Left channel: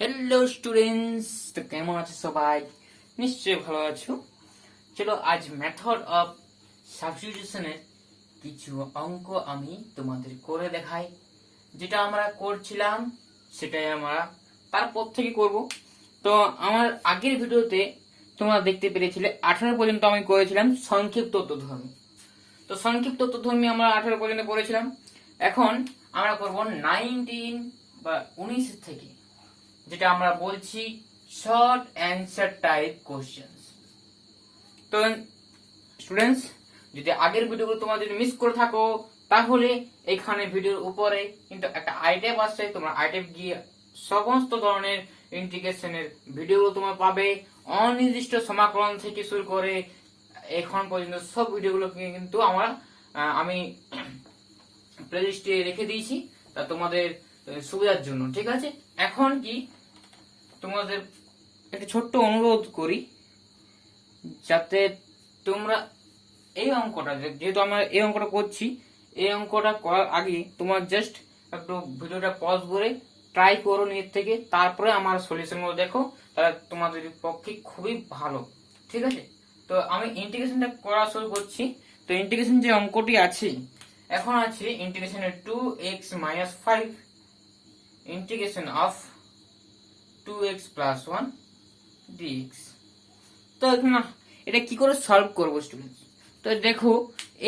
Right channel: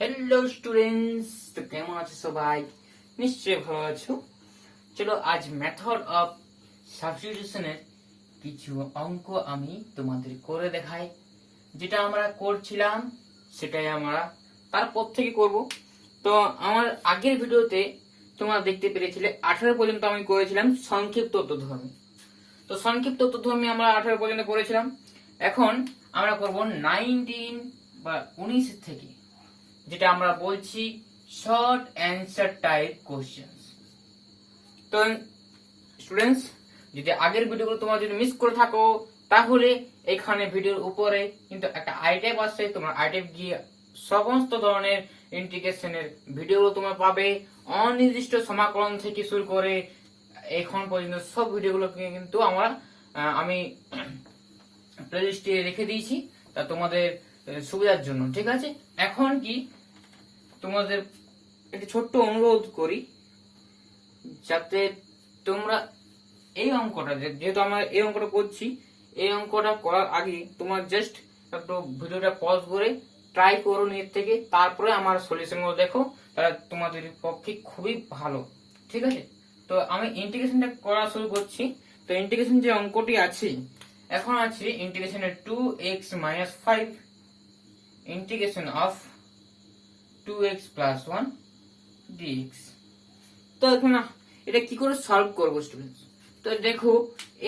Hello students, তো কেমন আছো সবাই? নিশ্চয়ই ভালো আছো। চলো আজ মেথড অফ সাবস্টিটিউশনের কিছু অঙ্ক আমি তোমাদের করে দেখাই। যেটা আমরা করছিলাম সেটাই আমরা তারপর থেকে করব। তো আমার আগের ভিডিওতে তোমরা দেখতে পেরেছিলে 18 পর্যন্ত আমি করেছিলাম সংক্ষিপ্ত তথ্যধর্মী। তো সংক্ষিপ্ত তথ্যধর্মী আমরা 18 পর্যন্ত করেছিলাম। এখন আমরা করব 19 বা 19 থেকে, যেটা আমরা বলছি শর্ট অ্যান্সার টাইপ কোশ্চেন্স। তো স্টুডেন্টস, যদি আগের ভিডিওগুলো তোমরা যদি মিস করে থাকো, তাহলে এখানে ভিডিওর উপরে কিন্তু একটা আইটেম আছে, তোমরা আইটেম গিয়ে সমস্ত ধরনের ইন্টিগ্রেশনের ভিডিওগুলো তোমরা পাবে। অনির্দিষ্ট সমাকলন থেকে শুরু করে এখন পর্যন্ত সব ভিডিওগুলো কিন্তু আমি প্লেলিস্টে রেখে দিয়েছি, তা তোমাদের সুবিধার জন্য। ঠিক আছে, এখন কি তোমাদের একটা ছোট্ট অনুরোধ করি, যাতে তোমরা এই অঙ্কটা, যেহেতু আমরা এই অঙ্কটা করছি, এই অঙ্কটা করার আগে তোমার জাস্ট একটু ভিডিওটা পজ করে ট্রাই করো নেট থেকে, তারপরে আমার সলিউশন গুলো দেখো, তাহলে তোমাদের পক্ষে খুবই ভালো। ঠিক আছে, তো আমি ইন্টিগ্রেশনটা করা শুরু করছি। তো ইন্টিগ্রেশন যে অঙ্কটি আছে, এখন আছে ইন্টিগ্রেশনের 2x - 5 integration of 2x + 1 dx। তো এখানে এটা কি করে সলভ করব স্টুডেন্টস? তো দেখো,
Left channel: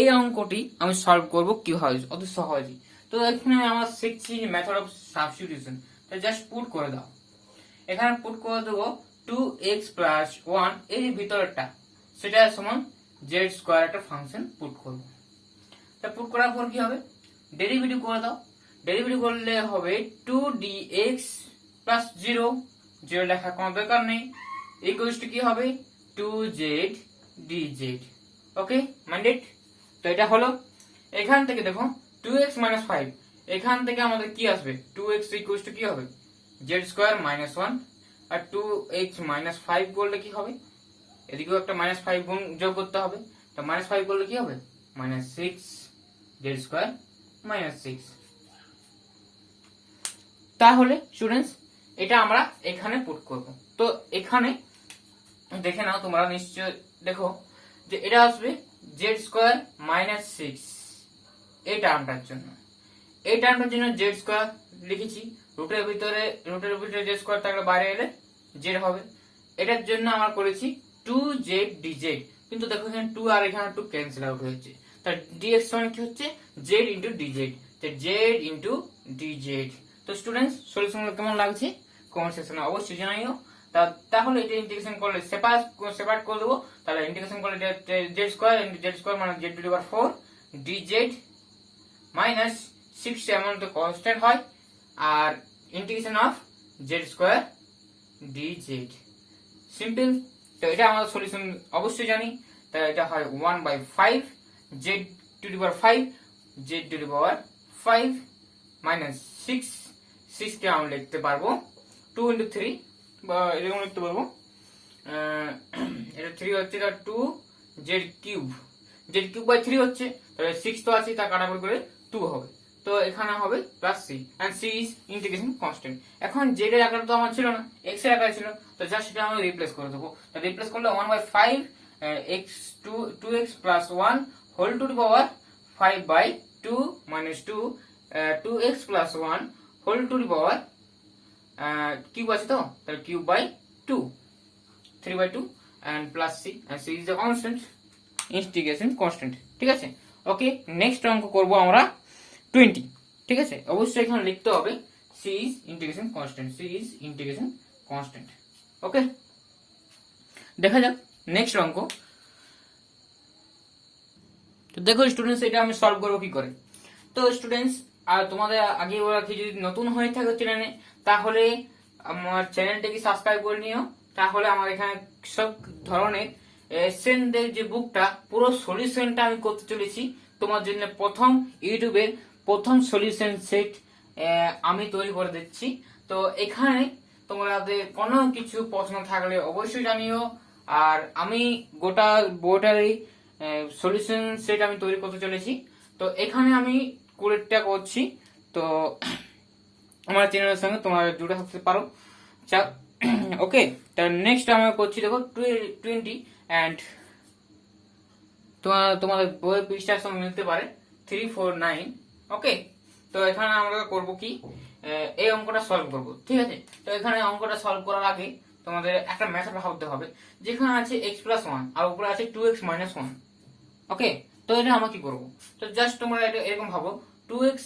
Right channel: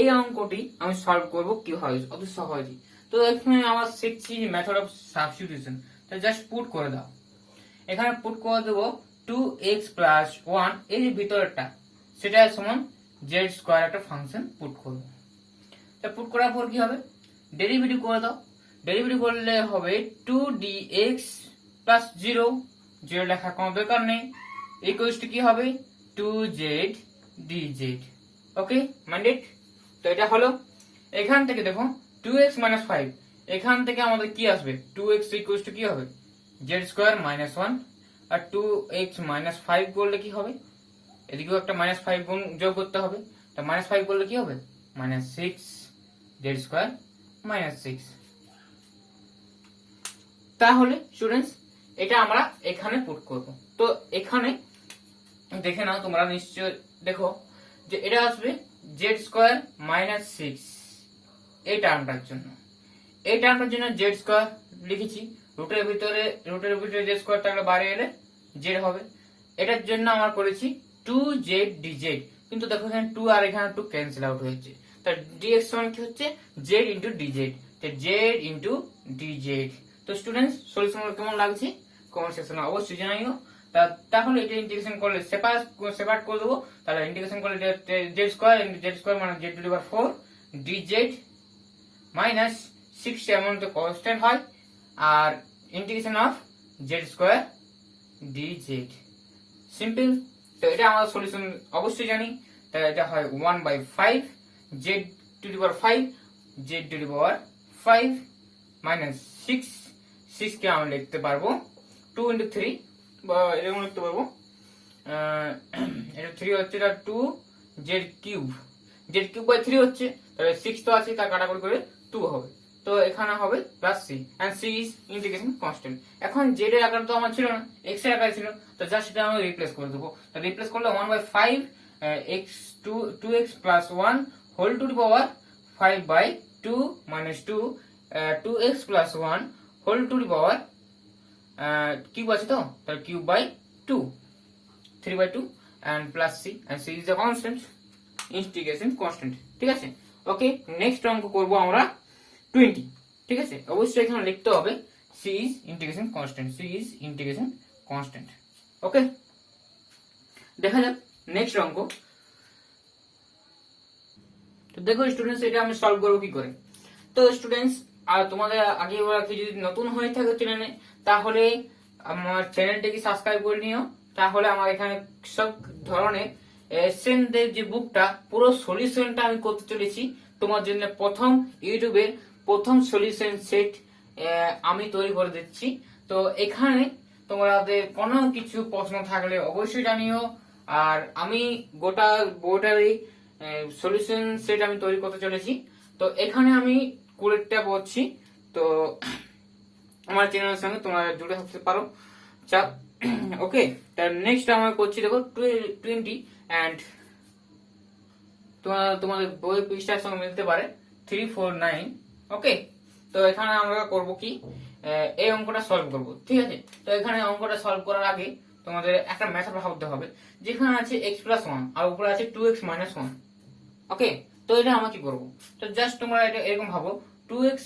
এই অঙ্কটি আমি সলভ করব কিভাবে, অত সহজে। তো এখানে আমরা শিখছি মেথড অফ সাবস্টিটিউশন। তো জাস্ট পুট করে দাও, এখানে পুট করে দেবো 2x + 1, এই যে ভিতরেরটা, সেটা সমান z² একটা ফাংশন পুট করব। তো পুট করার পর কি হবে, ডেরিভেটিভ করে দাও। ডেরিভেটিভ করলে হবে 2dx + 0, 0 লেখার কোনো দরকার নেই, ইকুয়ালস টু কি হবে 2z dz। ওকে, মাইন্ডেড? তো এটা হলো। এখান থেকে দেখো 2x - 5, এখান থেকে আমাদের কি আসবে, 2x ইকুয়ালস টু কি হবে z² - 1, আর 2x - 5 করলে কি হবে, এদিকেও একটা -5 গুণ যোগ করতে হবে। তো -5 করলে কি হবে, -6 z² - 6। তাহলে স্টুডেন্টস, এটা আমরা এখানে পুট করব। তো এখানে দেখে নাও তোমরা, নিশ্চয় দেখো যে এটা আসবে z² - 6, এই টার্মটার জন্য। এই টার্মটার জন্য z² লিখেছি, রুটের ভিতরে z² থাকলে বাইরে এলে z হবে। এটার জন্য আমরা করেছি 2z dz, কিন্তু দেখো এখানে 2 আর এখানে 2 ক্যান্সেল আউট হয়েছে। তার dx সমান কি হচ্ছে z dz, তো z dz। তো স্টুডেন্টস, সলিউশন কেমন লাগছে কমেন্ট সেকশনে অবশ্যই জানাইও। তাহলে এটা ইন্টিগ্রেশন করলে সেপারেট করে দেবো। তাহলে ইন্টিগ্রেশন করলে z² মানে z⁴ dz - 6 এমন তো কনস্ট্যান্ট হয়, আর integration of z² dz। Simple. তো এটা আমাদের সলিউশন অবশ্যই জানি। তাহলে এটা হয় 1/5 z⁵ z⁵ -6, 6 কে আমি লিখতে পারবো 2 × 3, বা এরকম লিখতে পারবো, এটা 3 হচ্ছে, এটা 2z³ z³/3 হচ্ছে, তাহলে 6 তো আছে, তা কাটাকুটি করে 2 হবে। তো এখানে হবে +c, and c is integration constant. এখন z এর আকার তো আমার ছিল না, x এর আকার ছিল, তো জাস্ট এটা আমি রিপ্লেস করে দেবো। তো রিপ্লেস করলে 1/5 2x + 1 whole to the power 5/2 - 2 2x + 1 whole to the power cube আছে, তো তাহলে কিউব/2 3/2 and +c, and c is a constant, integration constant. ঠিক আছে, ওকে। নেক্সট অঙ্ক করব আমরা 20। ঠিক আছে, অবশ্যই এখানে লিখতে হবে c is integration constant, c is integration constant. Okay, দেখা যাক নেক্সট অঙ্ক। তো দেখো স্টুডেন্টস, এটা আমি সলভ করব কি করে। তো স্টুডেন্টস, আর তোমাদের আগে ওরা কি যদি নতুন হয়ে থাকে চ্যানেলে, তাহলে আমার চ্যানেলটাকে সাবস্ক্রাইব করে নিও। তাহলে আমার এখানে সব ধরনের এসেনদের যে বুকটা, পুরো সলিউশনটা আমি করতে চলেছি তোমার জন্য। প্রথম ইউটিউবের প্রথম সলিউশন সেট আমি তৈরি করে দিচ্ছি। তো এখানে তোমাদের কোনো কিছু প্রশ্ন থাকলে অবশ্যই জানিও। আর আমি গোটা বোর্ডারই সলিউশন সেট আমি তৈরি করতে চলেছি। তো এখানে আমি কুড়িটা করছি। তো আমার চ্যানেলের সঙ্গে তোমরা জুড়ে থাকতে পারো। চা ওকে। তার নেক্সট আমরা করছি দেখো 20 অ্যান্ড তোমাদের বই পৃষ্ঠার সঙ্গে মিলতে পারে 349। ওকে, তো এখানে আমরা করব কি, এই অঙ্কটা সলভ করব, ঠিক আছে। তো এখানে অঙ্কটা সলভ করার আগে তোমাদের একটা মেথড ভাবতে হবে, যেখানে আছে x+1 আর উপরে আছে 2x-1। ওকে, তো এটা আমরা কি করব, তো জাস্ট তোমরা এটা এরকম ভাবো, 2x,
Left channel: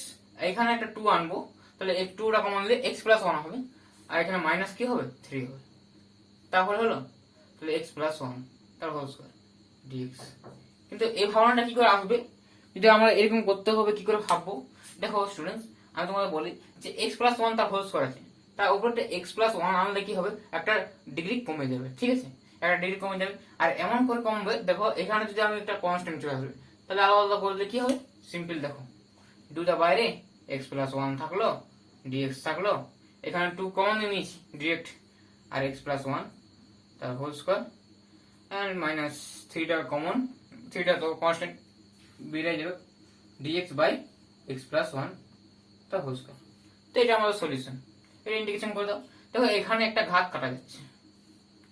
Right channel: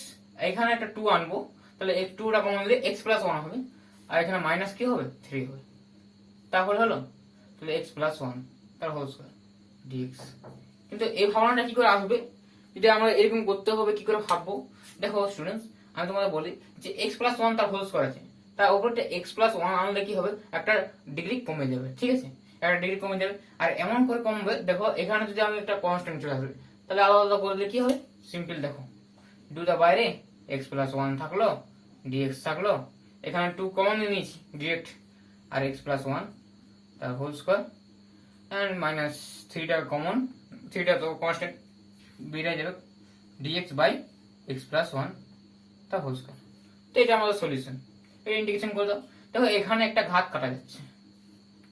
এখানে একটা 2 আনবো, তাহলে এই 2টা কমন দিলে x+1 হবে, আর এখানে মাইনাস কি হবে, 3 হবে, তাহলে হলো, তাহলে x+1 তার হোল স্কয়ার dx। কিন্তু এই ভাবনাটা কি করে আসবে, যদি আমরা এরকম করতে হবে কি করে ভাববো। দেখো স্টুডেন্টস, আমি তোমাদের বলি যে x+1 তার হোল স্কয়ার আছে, তার উপরটা x+1 আনলে কি হবে, একটা ডিগ্রি কমে যাবে, ঠিক আছে, একটা ডিগ্রি কমে যাবে। আর এমন করে কমবে, দেখো এখানে যদি আমি একটা কনস্ট্যান্ট চলে আসবে, তাহলে আলাদা আলাদা করলে কি হবে, সিম্পল দেখো, 2টা বাইরে x+1 থাকলো, dx থাকলো, এখানে 2 কমন নিয়ে নিয়েছি ডিরেক্ট, আর x+1 তার হোল স্কয়ার এন্ড মাইনাস 3টা কমন, 3টা তো কনস্ট্যান্ট বেরিয়ে যাবে, dx বাই x+1 তার হোল স্কয়ার। তো এটা আমাদের সলিউশন। এটা ইন্টিগ্রেশন করে দাও, দেখো এখানে একটা ঘাত কাটা যাচ্ছে,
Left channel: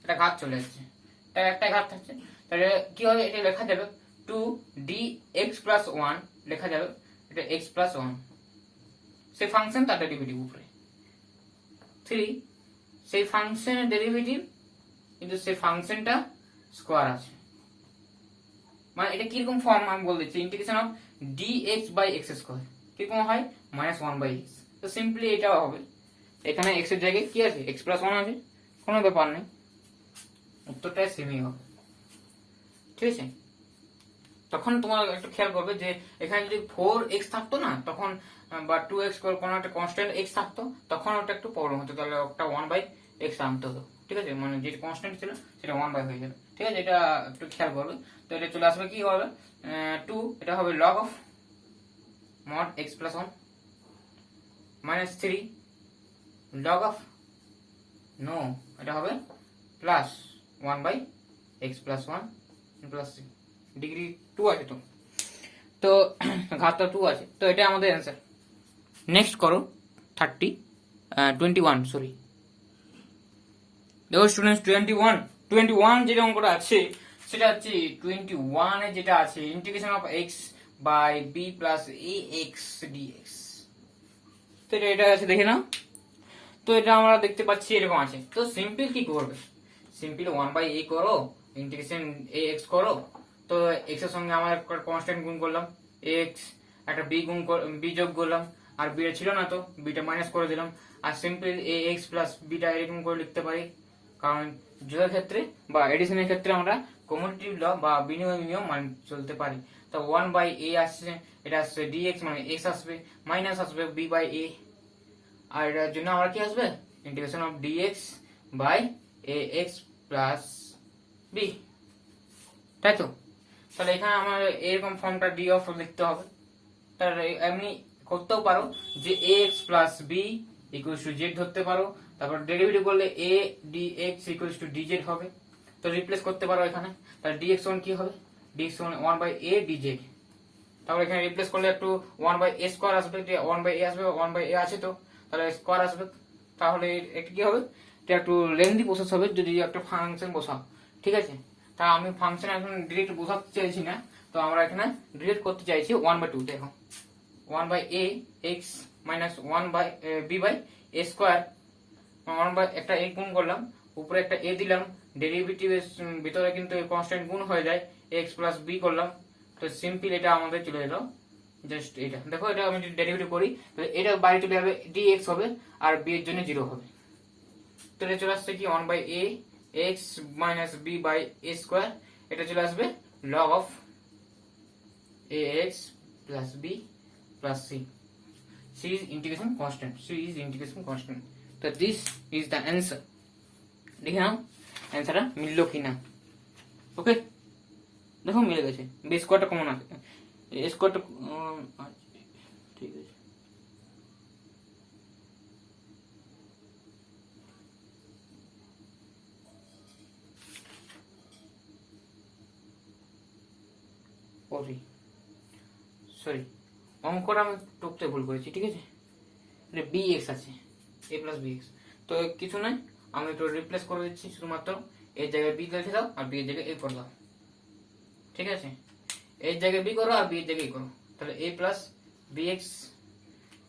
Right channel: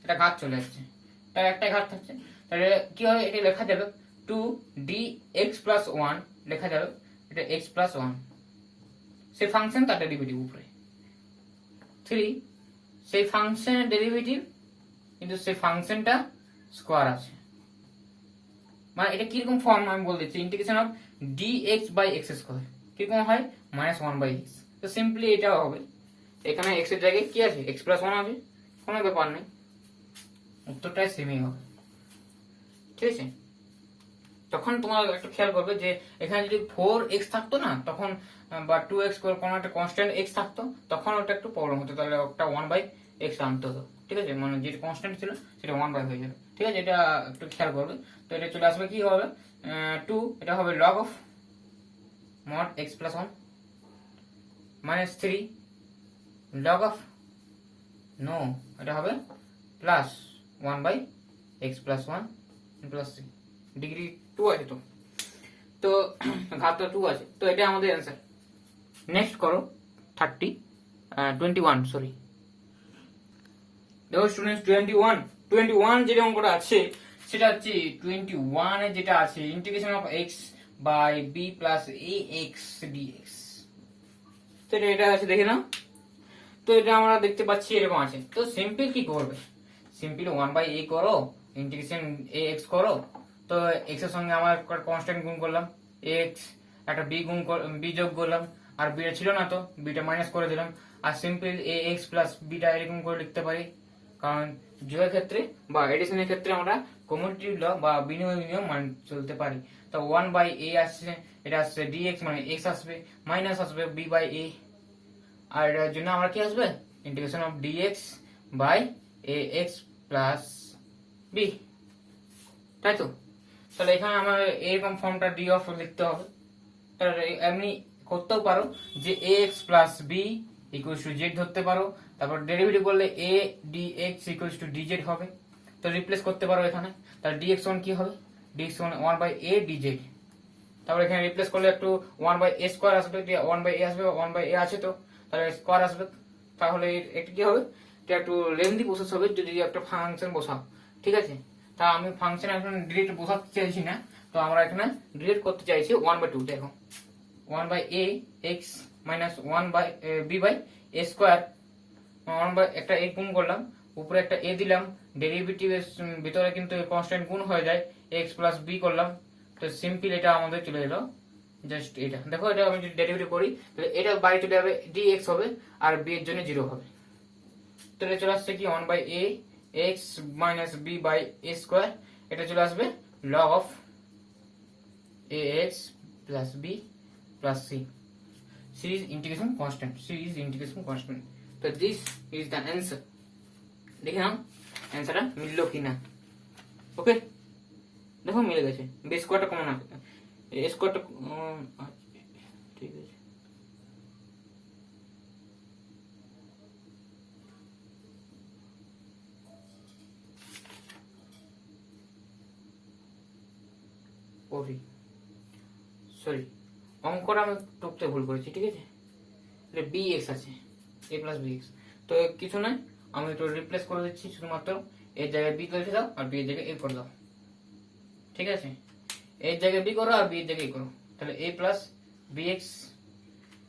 একটা ঘাত চলে আসছে, তার একটা ঘাত থাকছে, তাহলে কি হবে, এটা লেখা যাবে 2dx+1 লেখা যাবে, এটা x+1 সেই ফাংশন তার ডেরিভেটিভ উপরে 3, সেই ফাংশনের ডেরিভেটিভ কিন্তু সেই ফাংশনটা স্কয়ার আছে, মানে এটা কিরকম ফর্ম আমি বলে দিচ্ছি, integration of dx by x square কিরকম হয়, -1/x। তো সিম্পলি এটা হবে, এখানে x এর জায়গায় কি আছে, x+1 আছে, কোনো ব্যাপার নেই, উত্তরটাই সেমই হবে, ঠিক আছে। তখন তোমার একটু খেয়াল করবে যে এখানে যদি 4x থাকতো না তখন, বা 2x কোনো একটা কনস্ট্যান্ট x থাকতো, তখন ওটা একটু প্রবলেম হতো, তাহলে ওটা 1/x আনতে হতো, ঠিক আছে, মানে যেটা কনস্ট্যান্ট ছিল সেটা 1 বাই হয়ে যাবে, ঠিক আছে, এটা একটু খেয়াল করবে। তো এটা চলে আসবে কি হবে, 2, এটা হবে log of mod x+1 minus 3 log of, no, এটা হবে প্লাস 1/x+1 প্লাস 3, ডিগ্রি 2 আছে তো, তো ঘাতটা 2 আছে, তো এটা আমাদের অ্যান্সার। নেক্সট করো 21, সরি, দেখো স্টুডেন্টস 21 যেটা অঙ্কটা আছে সেটা হচ্ছে 21 এ যেটা আছে integration of x by b plus ax dx। তো এটা আছে দেখে নাও, তো এটা আমরা দেখতে পাচ্ছি এরকম আছে, তো সিম্পল কি করবে, সিম্পল 1/a করো, ইন্টিগ্রেশন ax করো, তো x এর সঙ্গে আমার কনস্ট্যান্ট গুণ করলাম x, একটা b যোগ করলাম, আর b ছিল না তো bটা মাইনাস করে দিলাম, আর সিম্পল ax প্লাস bটা এরকম করে লিখতে পারি, কারণ যোগের ক্ষেত্রে বা এডিশনের ক্ষেত্রে আমরা কমোডিটি ল বা বিনিময় নিয়ম মানে চলতে পারি। তো 1/a আসছে, এটা আসছে dx, মানে x আসবে, মাইনাস আসবে b/a, আর এটার জন্য আমরা কি আসবে, integration of dx by ax plus b, তাই তো। তাহলে এখানে আমার এরকম ফর্মটা d অফ লিখতে হবে, তাহলে এমনি করতেও পারো যে ax plus b equals to z ধরতে পারো, তারপর ডেরিভেটিভ করলে a dx equals to dz হবে, তো রিপ্লেস করতে পারো এখানে, তাহলে dx1 কি হবে, dx1 1/a dz, তারপর এখানে রিপ্লেস করলে একটু 1/a স্কয়ার আসবে, 1/a আসবে, 1/a আছে তো, তাহলে স্কয়ার আসবে, তাহলে এটা কি হবে, এটা একটু লেন্দি প্রসেস হবে যদি একটা ফাংশন বসাও, ঠিক আছে। তা আমি ফাংশন এখন ডিরেক্ট বসাতে চাইছি না, তো আমরা এখানে ডিরেক্ট করতে চাইছি 1/2, দেখো 1/a x minus 1/b/a square, একটা a গুণ করলাম, উপরে একটা a দিলাম, ডেরিভেটিভের ভিতরে কিন্তু কনস্ট্যান্ট গুণ হয়ে যায়, x প্লাস b করলাম, তো সিম্পল এটা আমাদের চলে এলো, জাস্ট এটা দেখো, এটা আমি যদি ডেরিভেটিভ করি তাহলে এটা বাইরে চলে যাবে, dx হবে, আর b এর জন্য 0 হবে, তো এটা চলে আসছে কি 1/a x minus b/a square, এটা চলে আসবে log of ax plus b plus c, c is integration constant, so this is the answer। দেখে নাও অ্যান্সারটা মিললো কিনা, ওকে, দেখো মিলে গেছে, b স্কয়ারটা কমন আছে, a স্কয়ারটা ঠিক আছে, সরি অঙ্কটা আমি টুকতে ভুল করেছি, ঠিক আছে, এটা bx আছে, a প্লাস bx, তো কিছু নয়, আমি একটু রিপ্লেস করে দিচ্ছি, শুধুমাত্র এর জায়গায় বি কেটে দাও আর বি এর জায়গায় এ করে দাও। ঠিক আছে, এর জায়গায় বি করো আর বি এর জায়গায় এ করো, তাহলে এ প্লাস বি এক্স।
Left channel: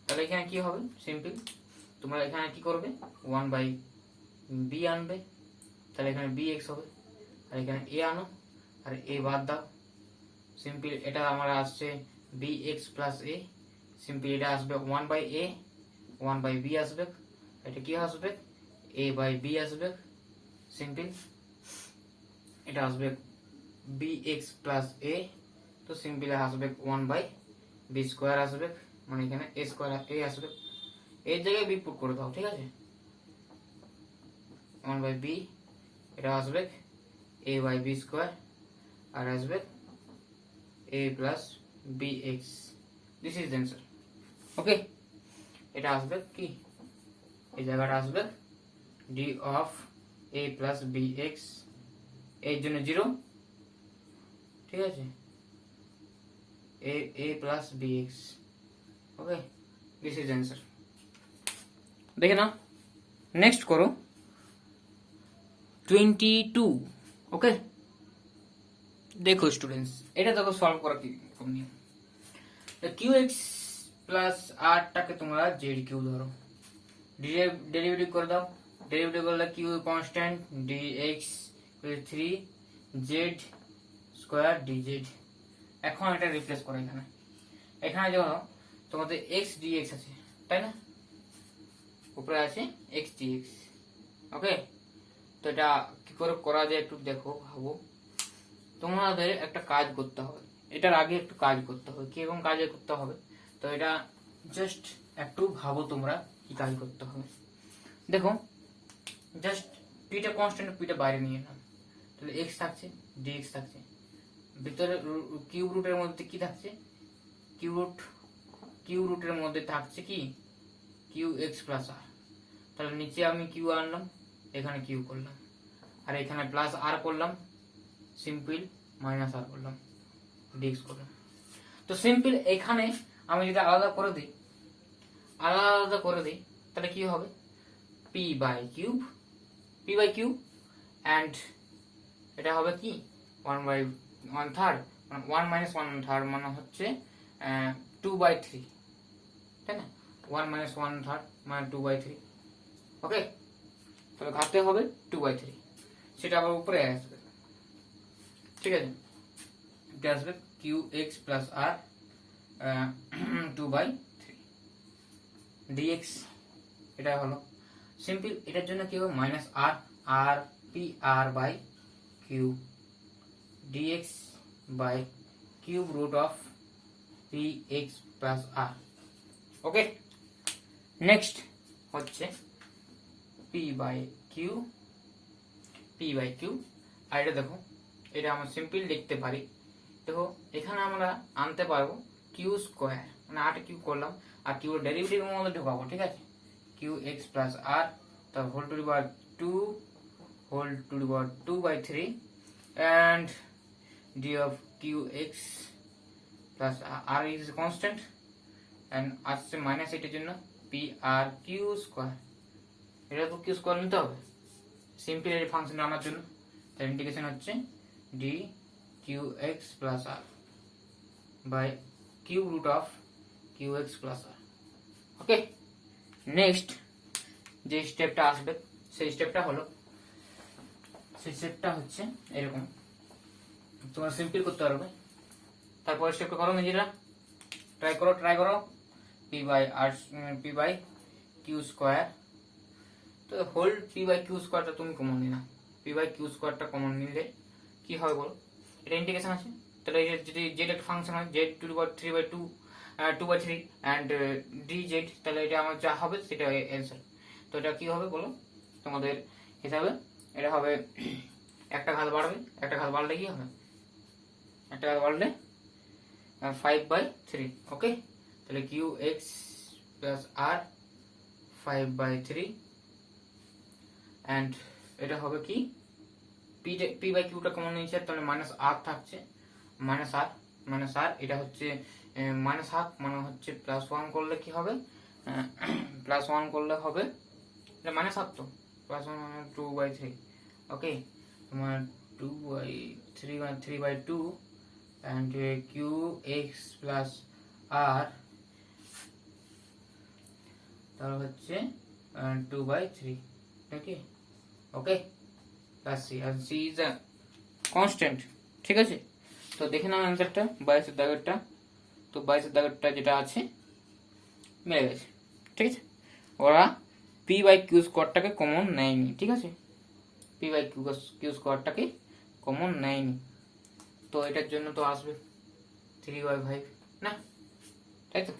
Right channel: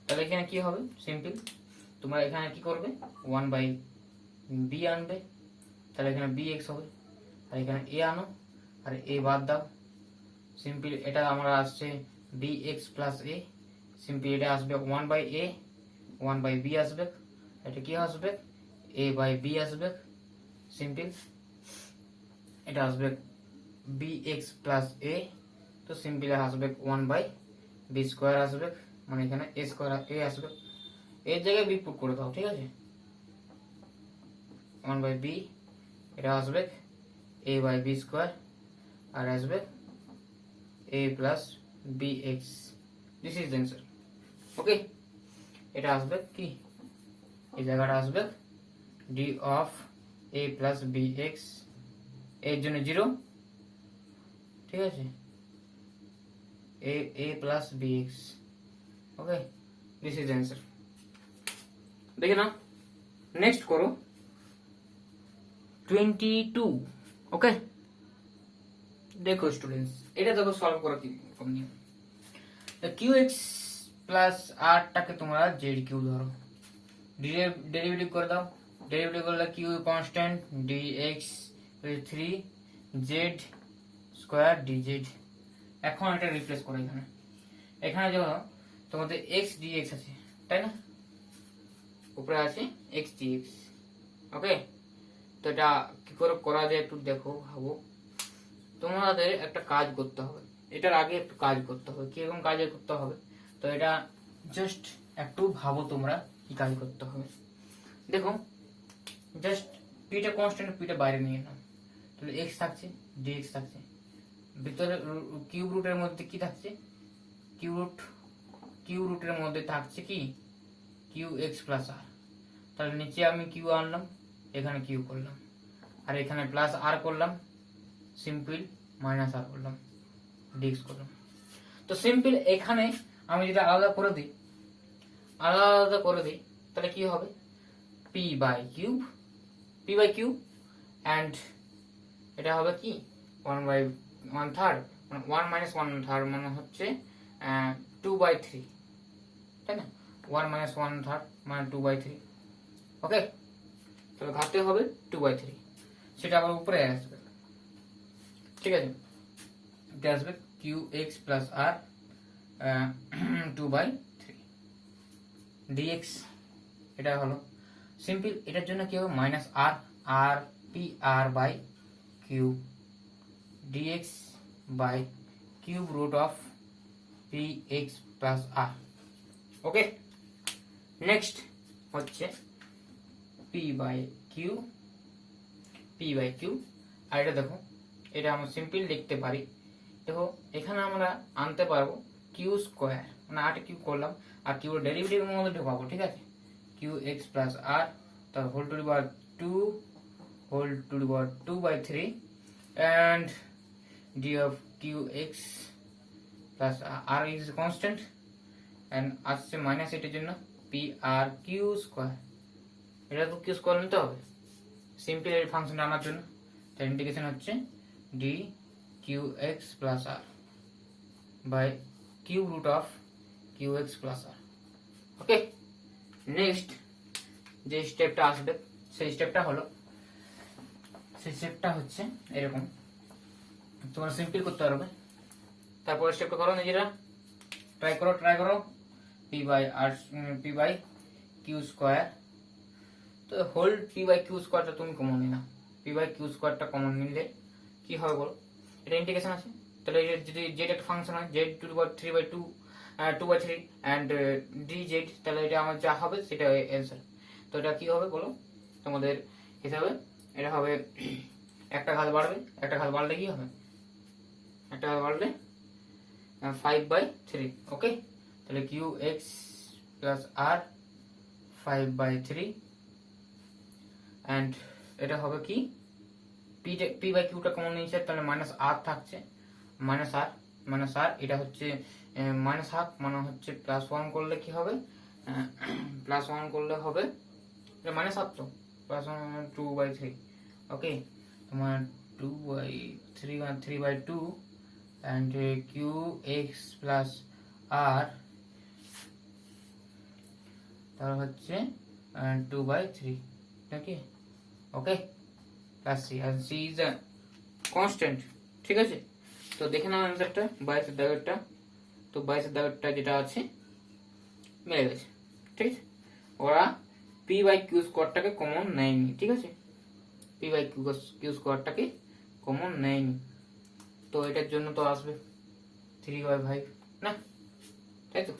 তাহলে এখানে কি হবে, সিম্পল তোমরা এখানে কি করবে, 1 বাই বি আনবে, তাহলে এখানে বি এক্স হবে, আর এখানে এ আনো আর এ বাদ দাও। সিম্পল এটা আমার আসছে বি এক্স প্লাস এ, সিম্পল এটা আসবে 1 বাই এ, 1 বাই বি আসবে, এটা কি আসবে এ বাই বি আসবে। সিম্পল এটা আসবে বি এক্স প্লাস এ, তো সিম্পল আসবে 1 বাই বি স্কোয়ার আসবে, মানে এখানে এ স্কোয়ার এ আসবে, এর জায়গায় বি পুট করে দাও। ঠিক আছে, 1 বাই বি, এটা আসবে এ বাই বি স্কোয়ার, আর আসবে A plus B x. This is answer. Okay, এটা আসবে কি, এই জায়গাটা আসবে D of A plus B x, এর জন্য 0। ঠিক আছে, A plus B x. Okay, this is answer. দেখে না, নেক্সট করো 22। ওকে, দেখো স্টুডেন্টস, এটা দেখো সলভ করা কি নিয়ে, কিউ এক্স প্লাস আরটাকে তোমরা জেড কিউ ধরো, ডেরিভেটিভ করে দাও, ডেরিভেটিভ করলে q constant d x 3 z square d z. এখন এটা রিপ্লেস করো, এখানে এখানে যখন তোমাদের এক্স ডি এক্স আছে, তাই না, উপরে আছে এক্স ডি এক্স। ওকে, তো এটা কি করে করা যায় একটু দেখো, ভাবো। তোমাদের একটা কাজ করতে হবে, এটার আগে একটু কাজ করতে হবে, কিরকম কাজ করতে হবে, তো এটা জাস্ট একটু ভাবো তোমরা কি কাজ করতে হবে। দেখো, জাস্ট পিটা কনস্ট্যান্ট, পিটা বাইরে নিয়ে এলাম, তাহলে এক্স থাকছে, ডিএক্স থাকছে, ভিতরে কিউব রুটের মধ্যে কি থাকছে, কিউ রুটের মধ্যে থাকছে কি কিউ এক্স প্লাস আর। তাহলে নিচে আমি কিউ আনলাম, এখানে কিউ করলাম, আর এখানে প্লাস আর করলাম, সিম্পল মাইনাস আর করলাম, ডিএক্স করলাম। তো সিম্পল এখানে আমি যদি আলাদা করে দিই, তাহলে কি হবে, পি বাই কিউব অ্যান্ড এটা হবে কি 1 বাই 1/3, 1 মাইনাস 1/3 মানে হচ্ছে 2/3, তাই না, 1 মাইনাস 1/3 মানে 2/3। ওকে, তাহলে ভাবতে হবে 2/3, সেটা আবার উপরে আসবে। ঠিক আছে, এটা আসবে q x plus r 2/3 dx. এটা হলো সিম্পল, এটার জন্য কি হবে মাইনাস আর, আর p r by q dx by cube root of p x plus r. Okay, next হচ্ছে পি বাই কিউ, আর এটা দেখো, এটা আমরা সিম্পল লিখতে পারি। দেখো এখানে আমরা আনতে পারবো কিউ স্কোয়ার, মানে আট কিউ করলাম, আর কিউ ডেরিভেটিভের মধ্যে ঢোকাবো। ঠিক আছে, কিউ এক্স প্লাস আর, তার whole to the power 2/3 and d of qx plus r is constant and আসছে মাইনাস, এটার জন্য পি আর কিউ স্কোয়ার, এটা তো কিউ স্কোয়ার নিতে হবে সিম্পল এর ফাংশন আনার জন্য। তার ইন্টিগ্রেশন হচ্ছে d q x plus r by cube root of q x plus r. Okay, next যে স্টেপটা আসবে সেই স্টেপটা হচ্ছে এরকম, তোমরা সিম্পল করতে পারবে। তারপর স্টেপটা করো নিজেরা, ট্রাই করো পি বাই কিউ স্কোয়ার, তো হোল পি বাই কিউ স্কোয়ারটা তুমি কমন নিনা, পি বাই কিউ স্কোয়ারটা কমন নিলে কি হবে বলো, এটা ইন্টিগ্রেশন আছে, তাহলে যদি জেড একটা ফাংশন হয় Z two the power 2/3 and D Z, তাহলে এটা আমার যা হবে সেটা অ্যান্সার। তো এটা কি হবে বলো তোমাদের হিসাবে, এটা হবে একটা ঘাত বাড়লে কি হবে, একটা ঘাত বাড়লে 5/3। ওকে, তাহলে q x plus r 5/3 and এটা হবে কি পি বাই কিউটা কমন নিয়েছে, তাহলে মাইনাস আর থাকছে, মাইনাস আর এটা হচ্ছে -1 মানে হচ্ছে +1 করলে কি হবে, +1 করলে হবে এটা মাইনাস হাফ তো, প্লাস 2/3। ওকে, তোমার 2/3 3/2 and qx প্লাস r, তাহলে হচ্ছে 2/3। ওকে ওকে, প্লাস c, আর c ইজ আ কনস্ট্যান্ট। ঠিক আছে, তো দেখে নাও অ্যান্সারটা 22 দাগেরটা। তো 22 দাগেরটা যেটা আছে মিলে গেছে। ঠিক আছে, ওরা p/q স্কোয়ারটাকে কমন নেয়নি। ঠিক আছে, p/q স্কোয়ারটাকে কমন নেয়নি, তো এটার জন্য তো আসবে 3/5 না, তাই তো।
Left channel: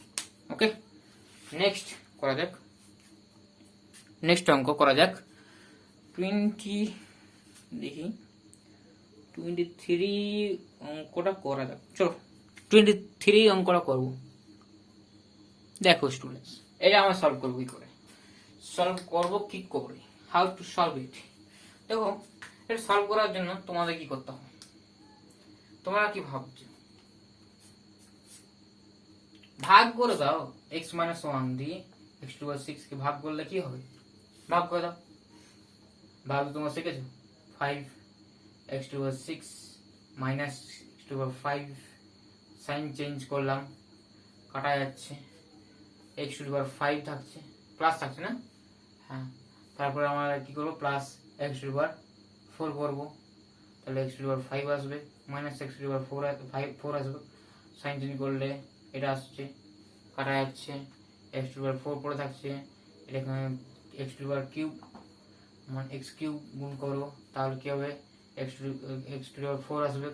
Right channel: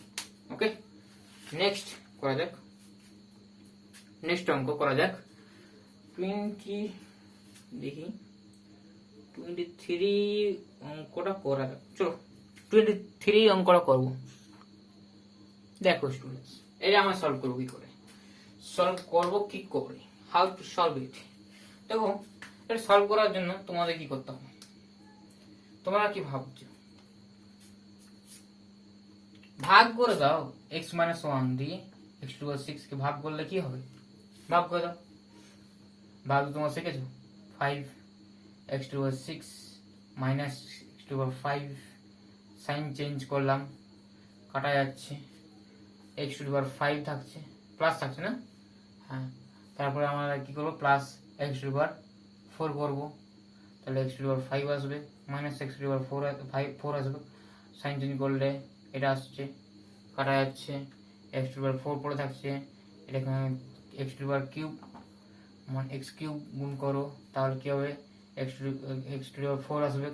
ওকে, নেক্সট করা যাক, নেক্সট অঙ্ক করা যাক 20, দেখি 23 অঙ্কটা করা যাক। চলো 23 অঙ্কটা করবো। দেখো স্টুডেন্টস, এটা আমরা সলভ করবো কি করে, সলভ করবো কি করে, হাউ টু সলভ ইট। দেখো, এটা সলভ করার জন্য তোমাদের কি করতে হবে, তোমরা কি ভাবছো, ভাগ করে দাও। x - 1 দিয়ে x⁻6 কে ভাগ করলে কি হবে, ভাগ করে দাও। ভাগ তোমরা শিখেছো, 5 x⁻6 minus x⁻5, sign change করলাম, কাটা যাচ্ছে, x⁻5 থাকছে, প্লাস থাকছে না, হ্যাঁ। তারপরে আমরা কি করবো, প্লাস x⁻4 করবো, তাহলে x⁻5 আসবে, মাইনাস x⁻4 আসবে, সাইন চেঞ্জ করলে এটা আসছে, কাটা যাচ্ছে, x⁻4 পড়ে থাকছে, এটা এখানে x⁻³ মানে x³ গুণ করো, তাহলে কি হবে, x⁻4 আসবে,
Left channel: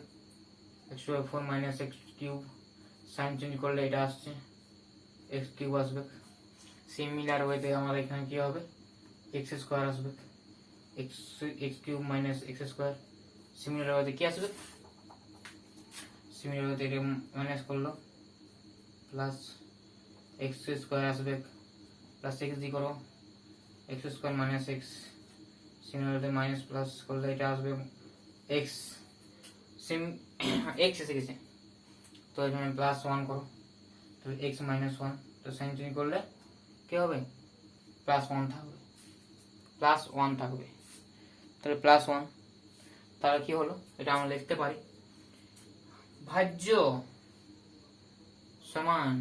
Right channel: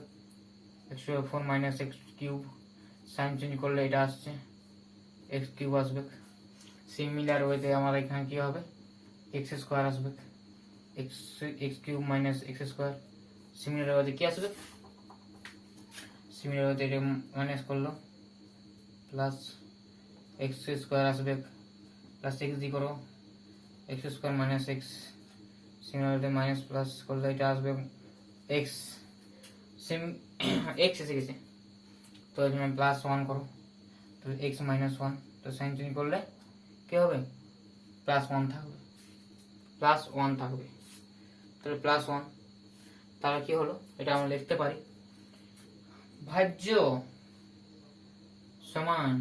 x⁻4 minus x³, sign change করলে এটা আসছে, x³ আসবে। সিমিলার ওয়েতে আমার এখানে কি হবে, x² আসবে, x³ মাইনাস x², সিমিলার ওয়েতে কি আসবে, সিমিলার ওয়েতে এটা মাইনাস করলো, প্লাস x² আসবে, প্লাস x দিয়ে করো, x² minus x, similarly minus plus করলে এটা আসবে x, x এসে গেছে, তো এখানে প্লাস 1 করো, তাহলে x - 1, তো সাইন চেঞ্জ করলে কি হবে, প্লাস 1 থাকবে, প্লাস 1 থাকবে, তাহলে প্লাস 1, তাহলে কি হলো, এটা আমরা লিখতে পারি ভাজ্য সমান,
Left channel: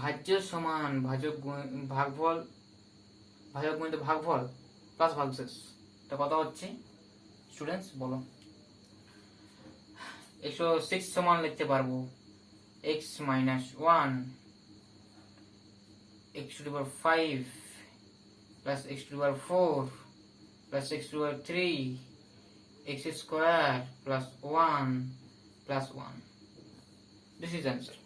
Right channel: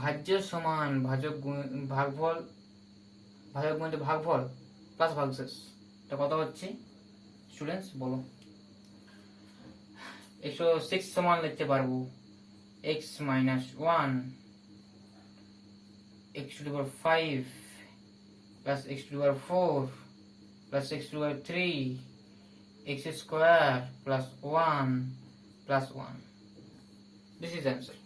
ভাজ্য সমান ভাজক ভাগফল, ভাজক গুণিত ভাগফল প্লাস ভাগশেষ। এটা কত হচ্ছে স্টুডেন্টস বলো, 106 সমান লিখতে পারবো x - 1 x⁻5 plus x⁻4 plus x⁻3 x² plus 1 plus 1। This is answer.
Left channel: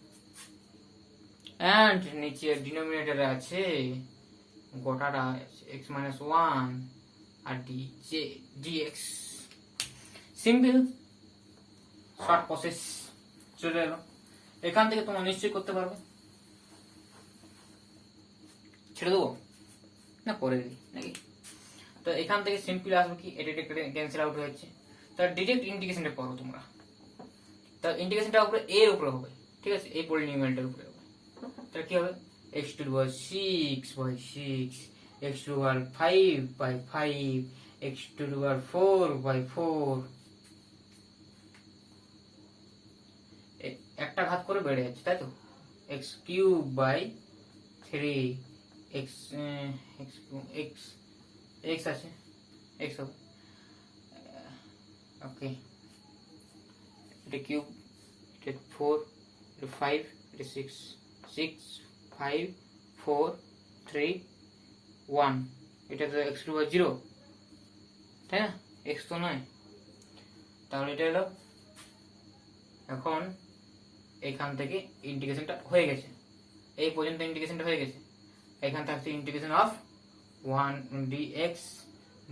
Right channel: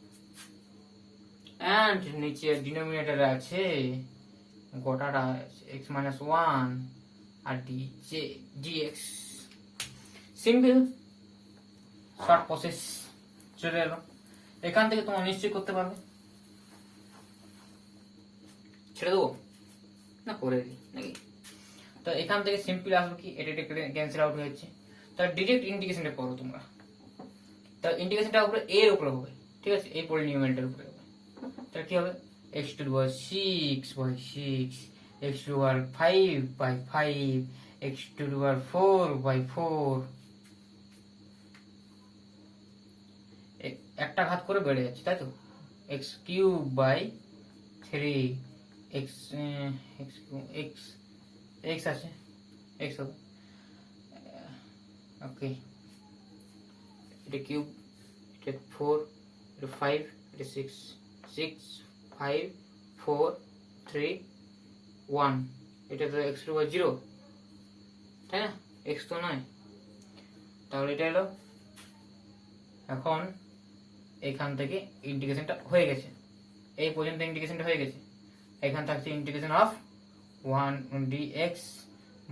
And নিচে ডিনোমিনেটরে আছে গোটাটা x - 1 আর dx। সিম্পল শর্ট প্রসেস চলে এলো, এখান থেকে তোমরা নিশ্চয়ই করতে পারবে। ছেড়ে দেবো না, করে দিই নাকি, তো এখান থেকে সিম্পল আসবে কি, এটা ক্যান্সেল আউট হয়ে যাচ্ছে, তো ডিরেক্ট ইন্টিগ্রেশনটা করো তোমরা, তো ইন্টিগ্রেশনটা উপরে এর উপরে হবে, ঠিক আছে, এই পলিনোমিয়ালটার উপরে হবে, তাহলে কি হবে, x⁻6/6 x⁻5/5 x⁻4/4, একটা ঘাত করে বেড়ে যাচ্ছে, তাই তো, x³/3 x আছে, x হবে, ওকে, এটা কিউব, এটা 4, এটা 5, এটা 6, 6 5 4 3 1, এটা তো x⁻0, তাই না, x তো নয়, তাহলে এটা এলো। এখন এখান থেকে ইন্টিগ্রেশনটা হয়ে গেছে, এই পর্যন্ত ইন্টিগ্রেশনটা হয়ে গেছে, এখান থাকছে integration of 1 dx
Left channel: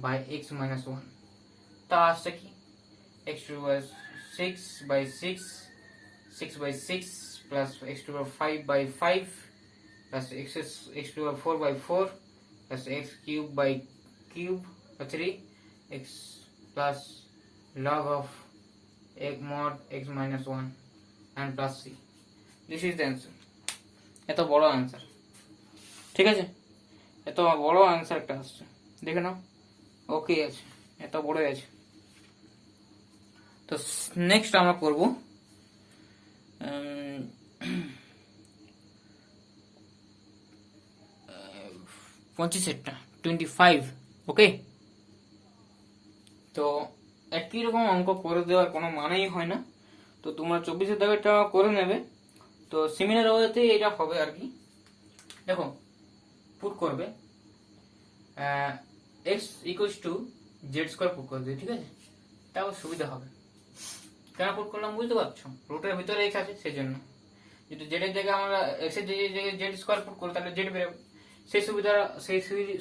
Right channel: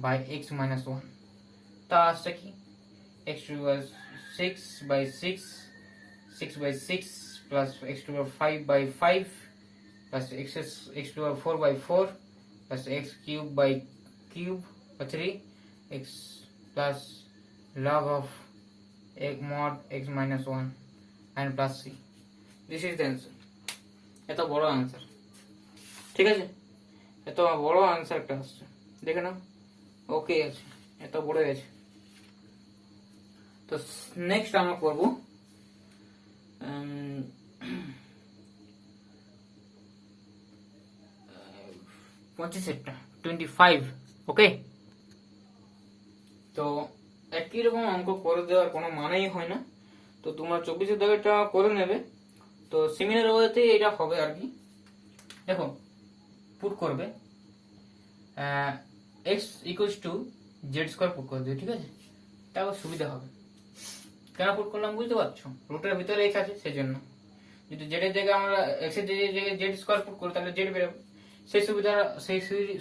by x - 1, তা আসছে কি, x⁻6/6 6/6 plus x⁻5/5 plus x⁻4/4 plus x³ 3 x plus log of mod x - 1 and plus c. This is the answer. এত বড় আনসার, ঠিক আছে, এত বড় অ্যান্সারটা আসছে, দেখে নাও। ওকে আছে, এত বড় আছে। তো নেক্সট আমরা করব 25 25। ওকে, তো একই রকম অঙ্ক করে দেওয়ার কোনো মানেই হয় না। তো তোমরা 24 দাগেরটা করে নেবে। তো সিমিলার ওয়েতে এটা হবে আর কি। দেখো, পুট করবে x equals to Z square put করে দেবে, ঠিক আছে? তাও সুবিধা হবে। কেন পুট করলাম বুঝতে পারছো? রুটের ভিতরে এক্স আছে সেই জন্য। যদি জেড এর জায়গায় আমরা এক্স এর জায়গায় জেড স্কোয়ার পুট করি তাহলে জেড বেরোবে।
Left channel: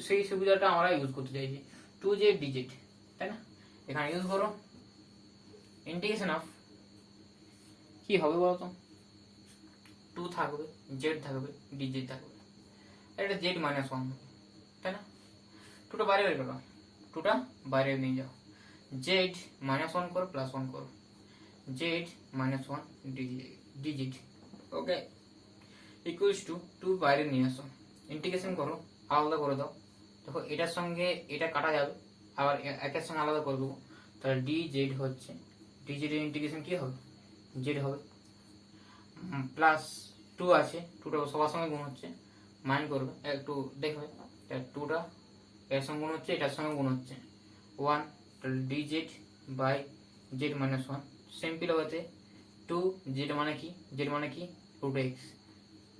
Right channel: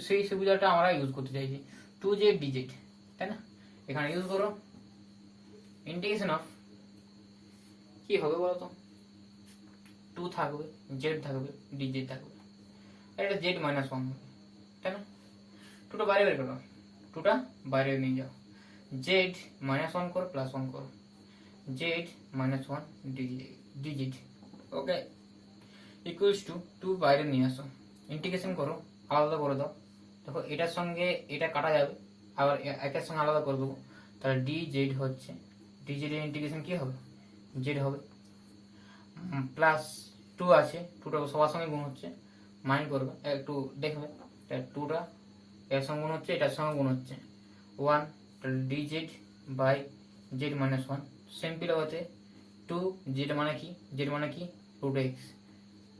সেই সুবিধাটা আমরা ইউজ করতে চাইছি, 2z dz, তাই না? এখানে ইউজ করো ইন্টিগ্রেশন অফ, কি হবে বলতো? 2 থাকবে, জেড থাকবে, dz থাকবে, এটা জেড মাইনাস 1, তাই না? 2টা বাইরে বের করো, 2টা বাইরে নিয়ে যাও, জেড মাইনাস 1 করো, প্লাস 1 করো, Z minus 1 dz। Okay, equals to 2 বাইরে নিয়ে আসো, ইন্টিগ্রেশন করো, আলাদা করে দাও। দেখো এটার সঙ্গে এটা কাটা যাবে, আবার একের সঙ্গে আলাদা করে দেবো, তাহলে dz হচ্ছে, dz এর ইন্টিগ্রেশন কি হবে? জেড হবে, প্লাস 2 আছে, 2টা সবার সঙ্গে গুণ হচ্ছে, মাইন্ড করবে একটু দেখবে, 2টা এর সঙ্গে গুণ হচ্ছে, এটার সঙ্গে গুণ হচ্ছে 1, তাহলে dz by z minus 1। Simple হতে 2 জেড মানে কি? জেড মানে কি? রুট এক্স,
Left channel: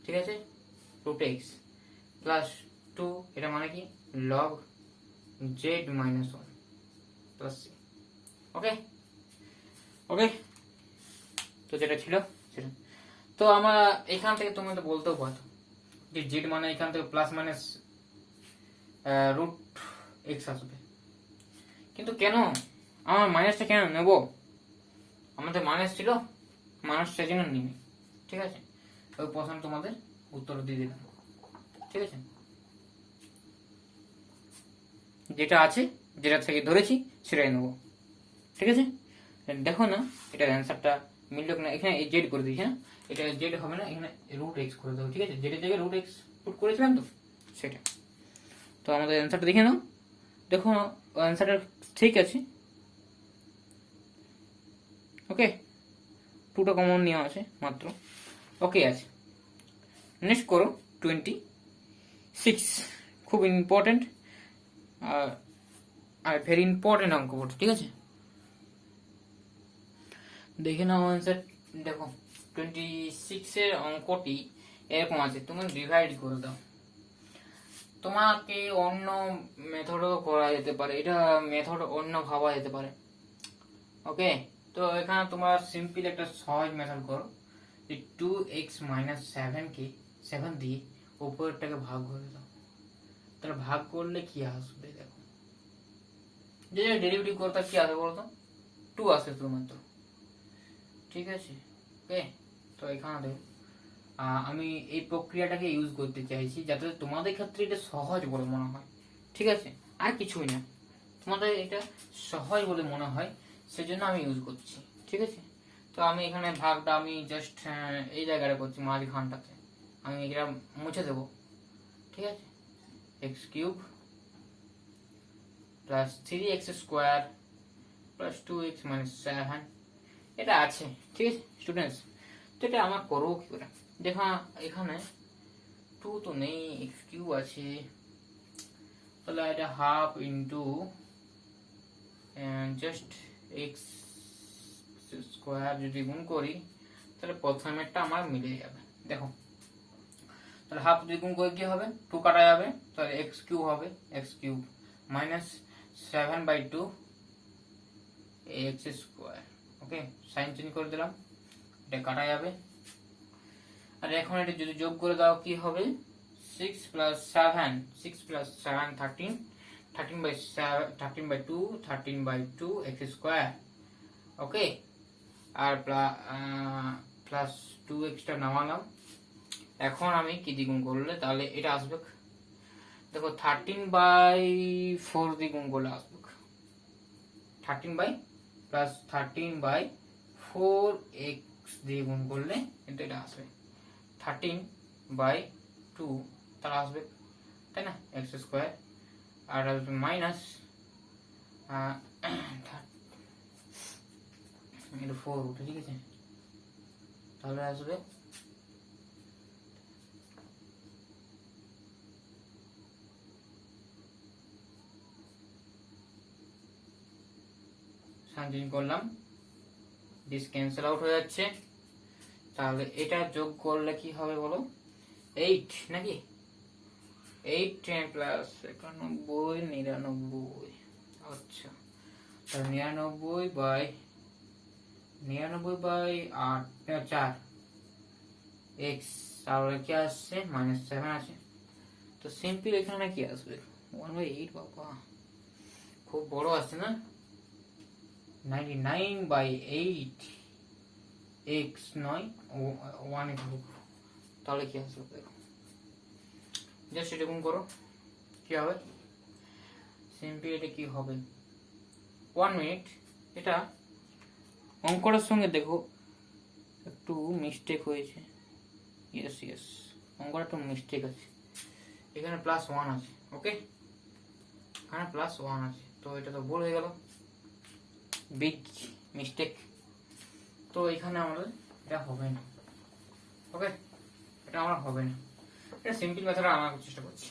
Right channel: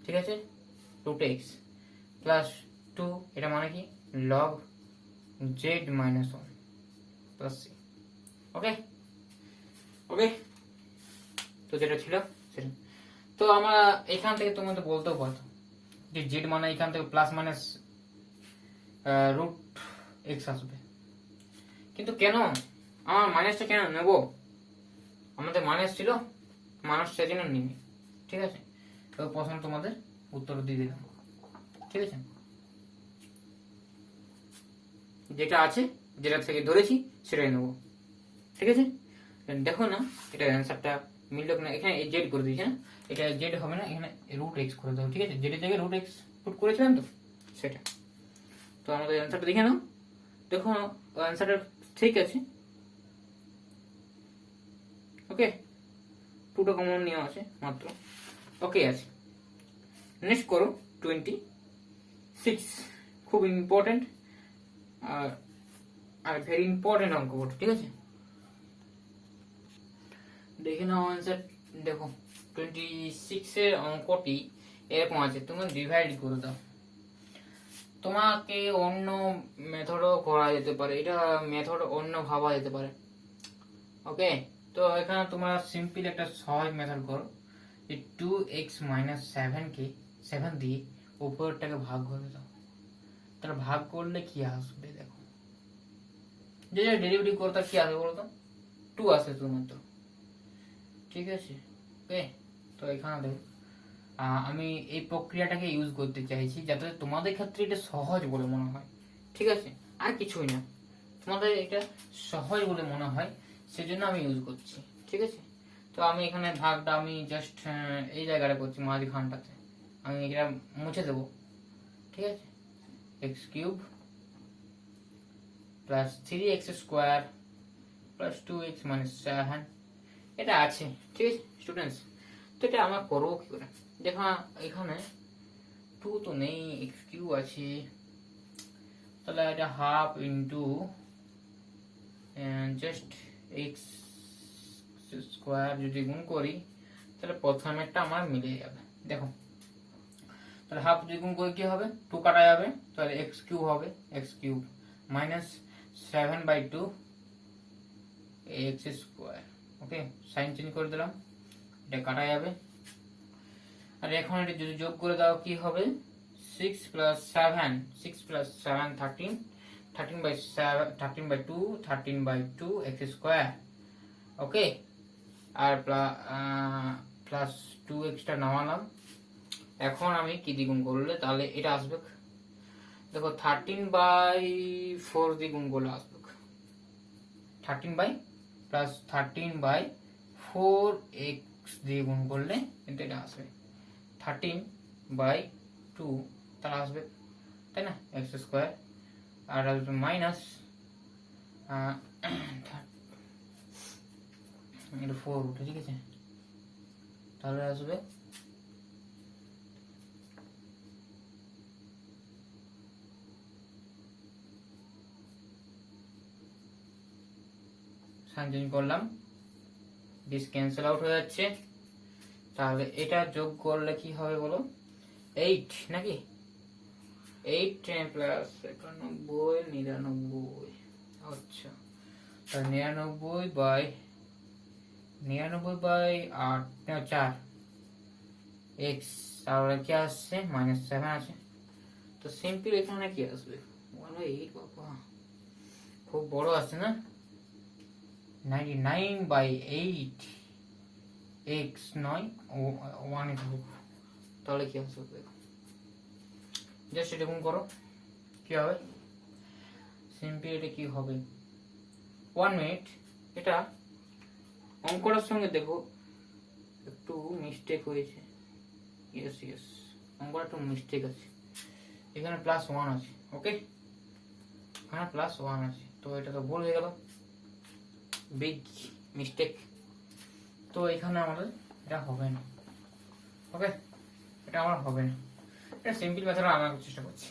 ঠিক আছে? রুট এক্স প্লাস 2, এটা মানে কি? Log z minus 1 plus C. Okay okay, তো যেটা ছিল সেটা। তো আমরা এখান থেকে তোমাদের বলতেও পারতো যে জেড মানে এখান থেকে প্লাস মাইনাস রুট এক্স আসবে, কিন্তু কেন আমার মাইনাসটা কেন নেব? আমাদের মাইনাস ছিল, মাইনাস সেজন্য নিবি, ঠিক আছে? ওই প্রশ্ন তোমাদের উত্তর দিয়ে দিলাম, ঠিক আছে? যেটা আছে, যেটা থেকে ধরেছি সেটাই নেবো, ঠিক আছে? দেখো না এটার অ্যান্সারটা মিলল কিনা। এখানে জেড করে দিয়েছি না, এটা জেড হবে না, এখানে রুট এক্স করে দেবো, ঠিক আছে? জেডের জায়গায় রুট এক্স পুট করেছিলাম তো সেটা। তো আমাদের অ্যান্সারটা দেখে নাও, দেখো অ্যান্সারটা ঠিক আছে। ওকে, 2টা কমন নেওয়া আছে মাত্র, ওকে আছে। নেক্সট করো 26, খুব ইম্পর্টেন্ট আর ভেরি ইম্পর্টেন্ট অঙ্ক বটে, ঠিক আছে? দেখে নাও অ্যান্সার। দেখো 26 এর অঙ্কটি এরকম আছে, তুমি ডিভাইড করে দাও। তোমাকে অন্য মেথডও করা যেতে পারে, এটা মেথড অন্য ভাবা যেতে পারে। ওকে, তো এখানে তোমরা সিম্পল একটা সহজ মেথড করো, যে 2x মাইনাস 7 দিয়ে উপরেরটাকে ভাগ করে দাও। তাহলে ভাগ করলে কি আসবে? দেখো যে ডেরিভেটিভ করতে কি আসবে বলতো? 2 আসবে শুধুমাত্র, ঠিক আছে? ওকে, তো এখানে দেখো আমি এই প্রক্রিয়াটাকে ইউজ করতে চাইছি যাতে তোমাদের ক্ষেত্রে এটা সহজ বলে মনে হয়, ঠিক আছে? আর কিছুই না, তোমাদের এটা সহজ বলে মনে হয় সেজন্য আমি ইউজ করছি, ঠিক আছে? তো আমি এখানে ভাগটা আমি জাস্ট এই জায়গাটা করছি, মাঝখানটাতে আমি এটা মুছে দেবো, ঠিক আছে? X cube plus 3x square plus 2x minus 7, এটা আছে, ঠিক আছে স্টুডেন্টস? তো এটা আমরা করবো কি করে? দেখো এখানে 2 তো নেই, এক্স কিউব আছে, তাহলে এটা half into just x square যদি গুণ করি তাহলে প্রথমেরটা আমার মিলে যাবে। দেখো তাহলে হাফ যদি গুণ করে কি হবে? 2 কাটা যাবে, তাহলে এক্স কিউব হবে, x cube minus 7/2 x square. Okay, sign change করে দিলাম, এটা কাটা যাবে। আর এখন এটা যদি যোগ করে দাও কি হবে? 6 প্লাস 7 13, 13/2 এক্স স্কোয়ার। ওকে, আর প্লাস 2xটা নামালাম। এখন আমি কি দ্বিগুণ করলে তাহলে এটা আসবে? দেখো 13/4 দ্বিগুণ করলে আসবে 13 প্লাস 13/4 x দিয়ে গুণ করলে কিন্তু এটা আসবে 13/2, তাহলে আসবে তাই না, এক্স স্কোয়ার, আর আসবে মাইনাস 4 উঠে, ঠিক আছে, তাহলে আসবে সানচেঞ্জ করলাম, দিস ক্যান্সেল আউট হয়ে যাচ্ছে, তাহলে এটা যোগ করলে কি হবে বলো, 8 নাকি, 8 প্লাস 91 99, আচ্ছা, তাহলে 99/4 এক্স, তাহলে কি আসছে -7 আছে, তো সিম্পল এখানে কি আসবে 1/8, বাবা খুব বড় আসছে না, 99/8 এক্স নয় 1 তাহলে কি আসবে, জাস্ট এরকম করো, কি হবে সিম্পল, এটা কি হবে 1 মিনিট, এটা অঙ্কটার সঙ্গে দেখো একটু মিস্টেক হয়েছে, ইয়েস অঙ্কটা একটু মিস্টেক আছে, এখানে +1 আছে, ওকে, এখানে +1 আছে, তো এটা তো ভুল হয়ে গেল, বিগ মিস্টেক, তো এখানে আমাদের এটা হবে না, ওকে, এটা আমার হবে না, এটা সিম্পল মেথড আমরা চেষ্টা করছি।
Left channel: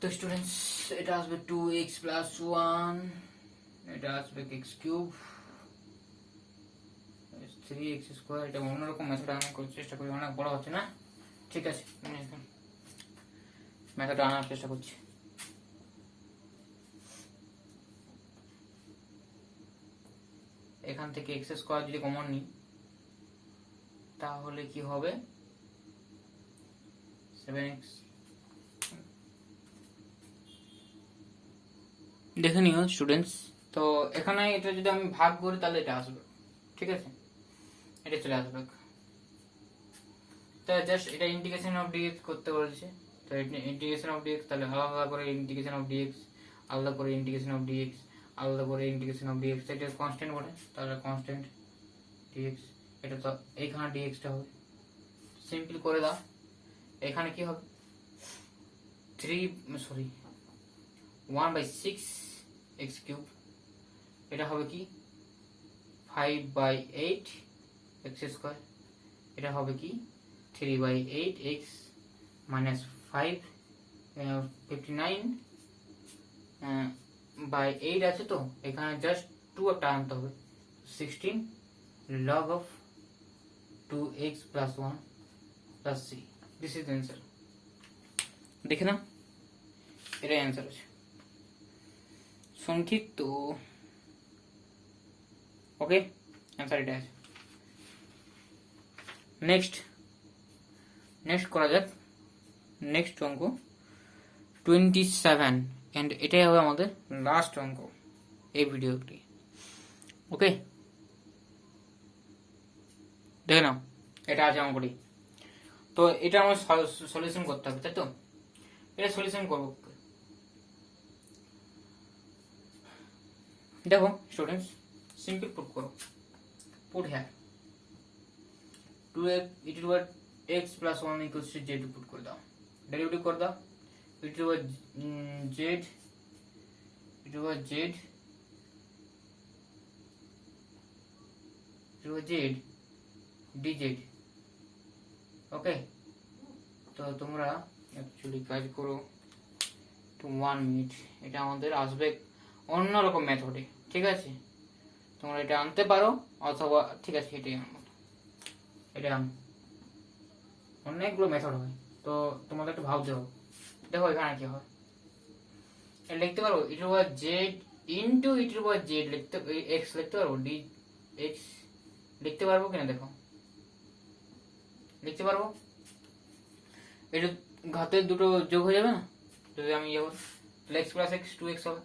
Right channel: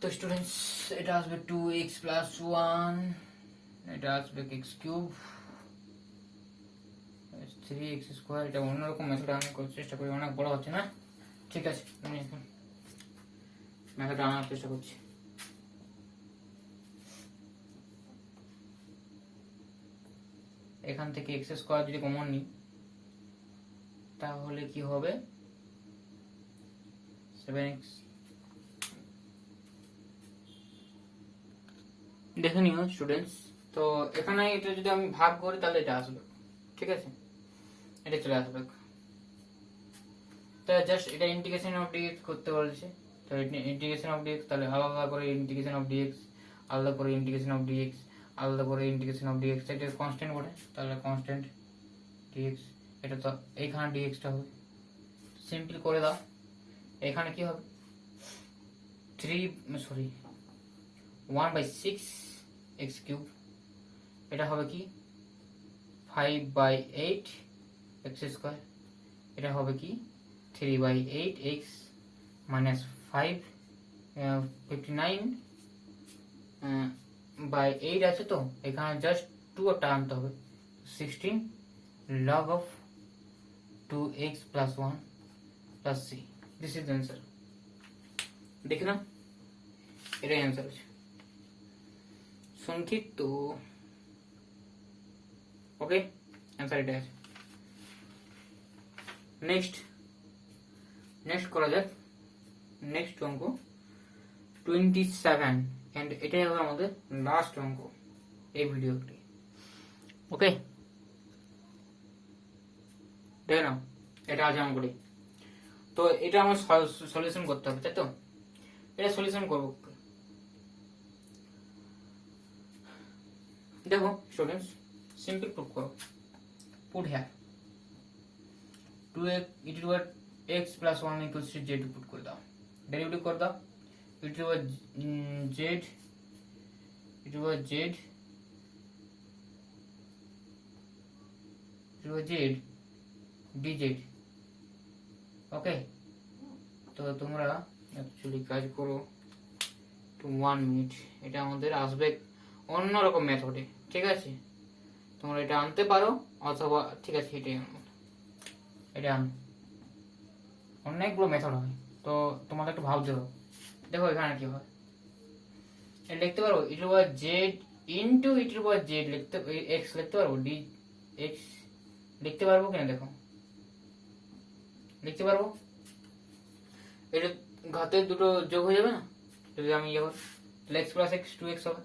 তো স্টুডেন্টস এটা আসবে 2x + 1, এটা আসবে x³ 3x², এটা অন্যরকম মেথড আমি করার চেষ্টা করি, অনেক বড় হচ্ছে না, ঠিক আছে আমি এখন মেথড আনার চেষ্টা করছি। এখান থেকে x² যদি কমন নিই তাহলে কি হবে 7x, দেখে নিও স্টুডেন্টস, তো এখানে এটা যদি আমি ভাগ করি তাহলে এটা আসবে, ঠিক আছে, এটা চলে আসবে, তো জাস্ট এটা ইন্টিগ্রেশন অফ dx করতে বলছে, তো ইন্টিগ্রেশন অফ dx, তাহলে আলাদা করে ইন্টিগ্রেশন অফ dx, আলাদা করে ইন্টিগ্রেশন অফ dx, আলাদা করে ইন্টিগ্রেশন অফ dx, এটা কনস্ট্যান্ট বটে, তাহলে কনস্ট্যান্ট dx, এটা তো এইখানে dx টা হবে, সিম্পল করে দাও, এখানে কি হবে 1/6 x³, এটা হবে কি 5/8 x², এটা হবে কি 3/8 x -5 59/8 আছে, তো এখানে জাস্ট 2 একটা আনতে হবে, 16 log of 2x + 1 + 3, this is answer, দেখে নাও এটাই অ্যান্সার আছে, সংক্ষিপ্ত, ওকে, অ্যান্সার এটা আছে। নেক্সট করা যাক, নেক্সট অঙ্ক 27, এন্ড এটাই হবে আমাদের লাস্ট অঙ্ক এই ভিডিওটি, ওকে, দেখে নাও এটা আছে অঙ্কটি, তো এটা আমার সলিউশন করতে হবে, তাই তো, এটা সলিউশন করবো, দেখো স্টুডেন্টস সিম্পল পুট করো, পুট হ্যাঁ 2x + 1 = z পুট করে দাও, ডেরিভেটিভ করে দাও, z dz, ওকে, তো তোমরা অ্যাকচুয়ালি কাজ করো 1 মিনিট, এটা আমাদের আসবে অন্যরকম মেথডে, ঠিক আছে, তোমরা এটা আনতে পারো অথবা, ঠিক আছে এটাই আনো, এটা আনো, অনেকগুলো মেথড হয়, তো তোমাদের একটু ভাবতে হবে, দেখো এখানে কি হয়, লিখতে পারবো e⁻z * e⁻z লিখতে, x লিখতে পারবো, dx লিখতে পারবো কিনা, দেখো লিখতে পারবো, এটা ঘাতের দুটো যোগ হয়ে যাবে না, যদি আমি যাবো x + x 2x হবে,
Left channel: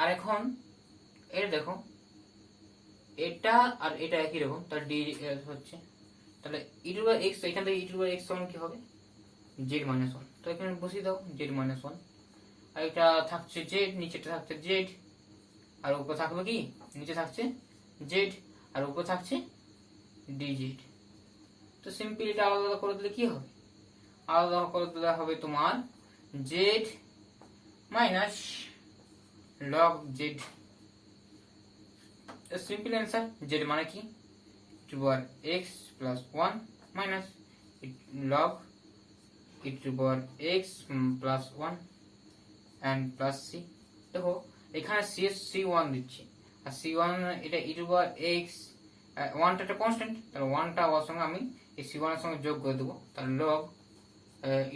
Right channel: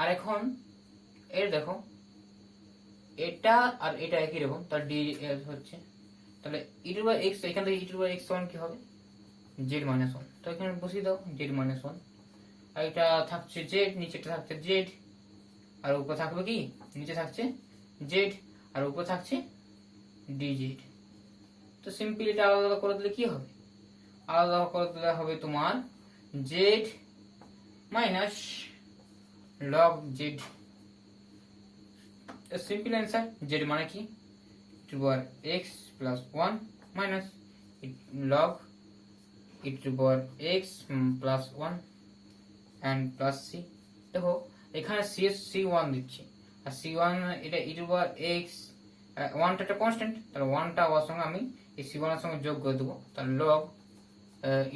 আর এখন এটা দেখো এটা আর এটা একই রকম, তার d হচ্ছে, তাহলে e⁻x, এখান থেকে e⁻x সমান কি হবে z - 1, তো এখানে বসিয়ে দাও z - 1, আর এটা থাকছে z, নিচেটা থাকছে z, আর উপরে থাকবে কি, নিচে থাকছে z আর উপরে থাকছে dz, তো সিম্পল এটা আলাদা করে দিলে কি হবে, আলাদা করে দিলে হবে তোমার z minus log z. Simple answer, z মানে কি to power x plus 1 minus log e to power x plus 1 and plus c. দেখো এখানে c1 দিচ্ছি, আর c1 এটা e টু পাওয়ার এক্স, 1টা একটা কনস্ট্যান্ট, তাহলে 1টা ওর সঙ্গে আমি এই c1 এর সঙ্গে যোগ করে দেবো, তাহলে log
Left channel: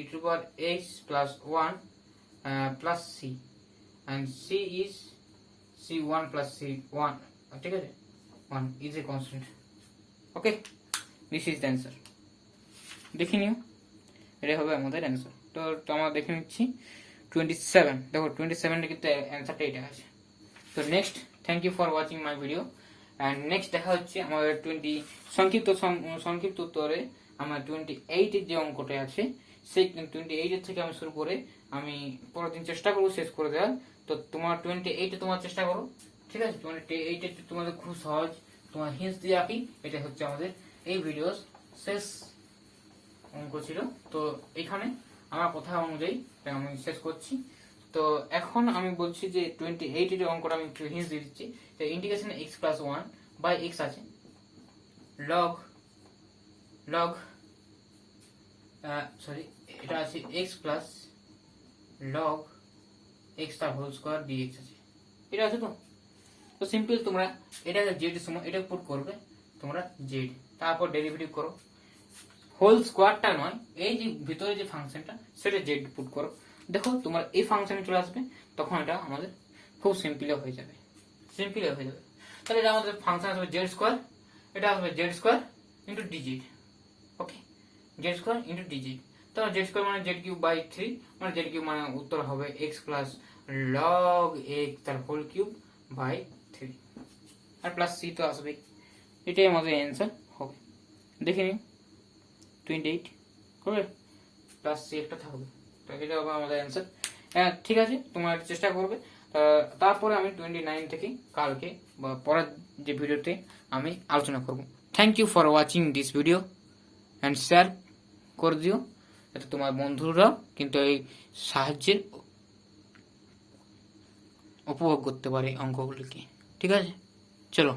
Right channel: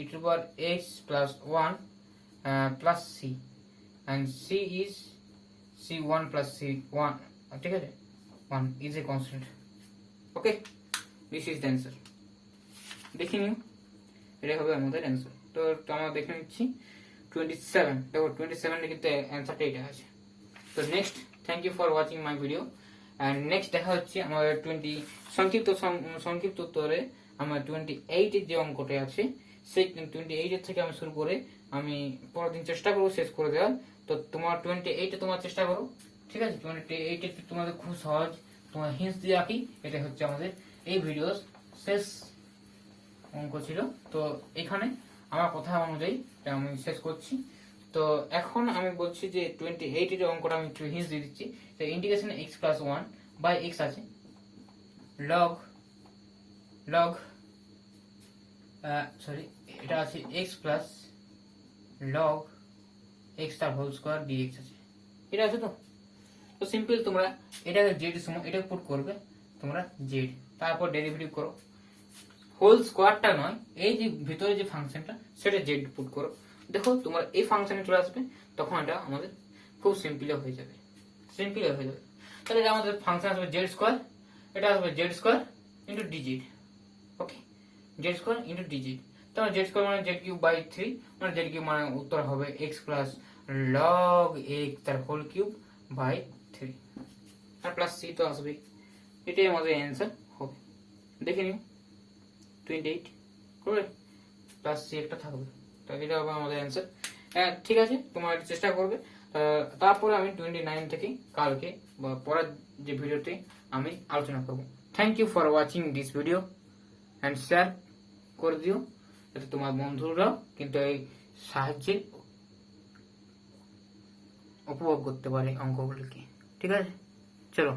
e to power x plus 1 plus c, and c is c1 plus c1, ঠিক আছে, 1 is a constant. Okay, this is the answer. দেখে নিও, এটাই হবে আমাদের অ্যান্সার। তো আমরা দেখে নিচ্ছি 27, দেখো 27 কিন্তু অ্যান্সারটা এটা আছে। তো next, thank you for watching my video, and next দেখা হচ্ছে আমাদের সংক্ষিপ্ত উত্তরে আমার 28 এর যে অঙ্কটা আছে সেই 28 এর থেকে আমি শুরু করে আমি পরের দিন চেষ্টা করবো শেষ করে দেওয়ার। তো তোমার 28 এ তোমার চেষ্টা করো, ঠিক আছে। 28 এ তোমাদের খুব সহজ, তোমার হিন্টস দিয়ে রাখি, এটা হচ্ছে আমাদের এই ভিডিওর শেষ অঙ্ক ছিল। তো এখানে আমার কথা অনুযায়ী আমি শেষ করছি। তো এখন আমি বলছি যে 28 এর অঙ্কটা আমি একটু হিন্টস দিয়ে দিচ্ছি। তো integration x plus 1 by x আছে, লগ সরি এটা আছে x প্লাস লগ x তার হোল স্কয়ার dx আছে, এটা আছে। তো সিম্পল তোমরা এটাকে z এর সময় এটা পুট করবে তোমরা z, তারপর ডেরিভেটিভ করো, হোল স্কয়ারটা নয়, এই যে ভিতরে যে ফাংশনটা সেটা z পুট করো। দেখো তোমার এই ফাংশনে চলে আসবে, তখন এটা আমাদের খুব সিম্পল হয়ে যাবে। তাহলে এটা আমাদের ফাংশন আসবে z স্কয়ার, এটা আসবে z square into dz। Okay, z square into dz, তাহলে z স্কয়ার মানে z কিউব বাই 3, মানে z কিউব মানে উত্তর হবে x প্লাস লগ x তার হোল কিউব বাই 3, আর প্লাস c তো আসবে। এটাই আমাদের অ্যান্সার হবে। দেখে নিও 28 করে প্লাস সি একটা থাকবে, তো এটা হবে আমাদের অ্যান্সার। ঠিক আছে, তোমরা চেষ্টা করবে। তারপরে আমি 29 থেকে কালকে বা পরের যে ভিডিওতে আমি আলোচনা করব। Thank you for watching this video and share করে দিও, যাতে তোমার বন্ধুরা কিন্তু এই সাহায্যের উপভোগ করতে পারে অঙ্কগুলিকে। ঠিক আছে, চলো।